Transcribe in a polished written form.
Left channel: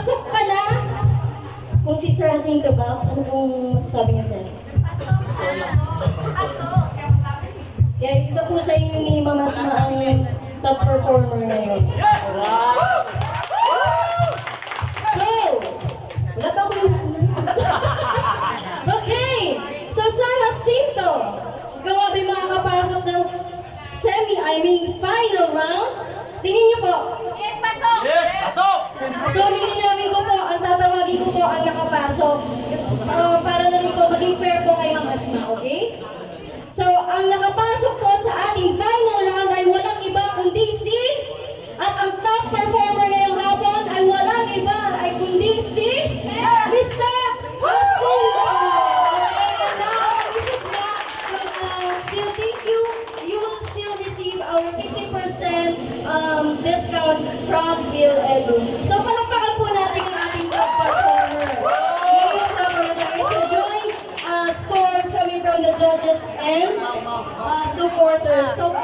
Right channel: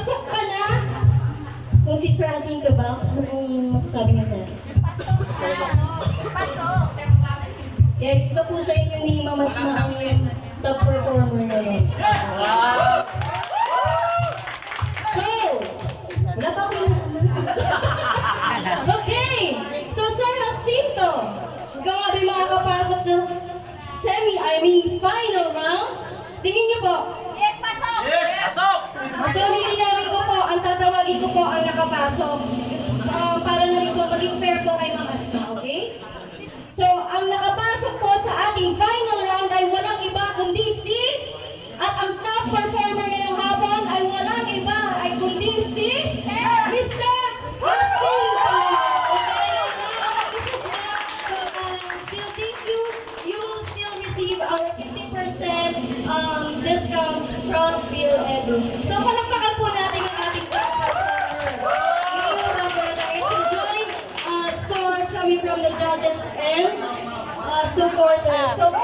Pasok ka na! Kung si Sir Jacinto ba, ano pong masasabi niyo, sir? Pasok. Yan, isa po sa inyo ni Mama Asma ang top performer ngayon. So, wala pa ako Okay! So, Sir Jacinto, ikaw nga ba'y makakapasok sa final round? Tingin niyo po. Yes, pasok. Yes! Pasok! So, lilinawin ko po, ang tatawagin ko po ang nakapasok. Para na rin po maging fair po kay Ma'am Asma, okay? So, ang nakapasok po sa ating final round ay walang iba kundi si... At ang top performer ngayong hapon ay walang iba ay kundi si... Mr. Jacinto! Okay, and now, Mrs. Ma, still thank you. You will still receive our 50% discount from PhilEdu. So, palakpakan po natin ang ating top performer. Ngayong hapon na it's a joint scores coming from the judges and supporters. So,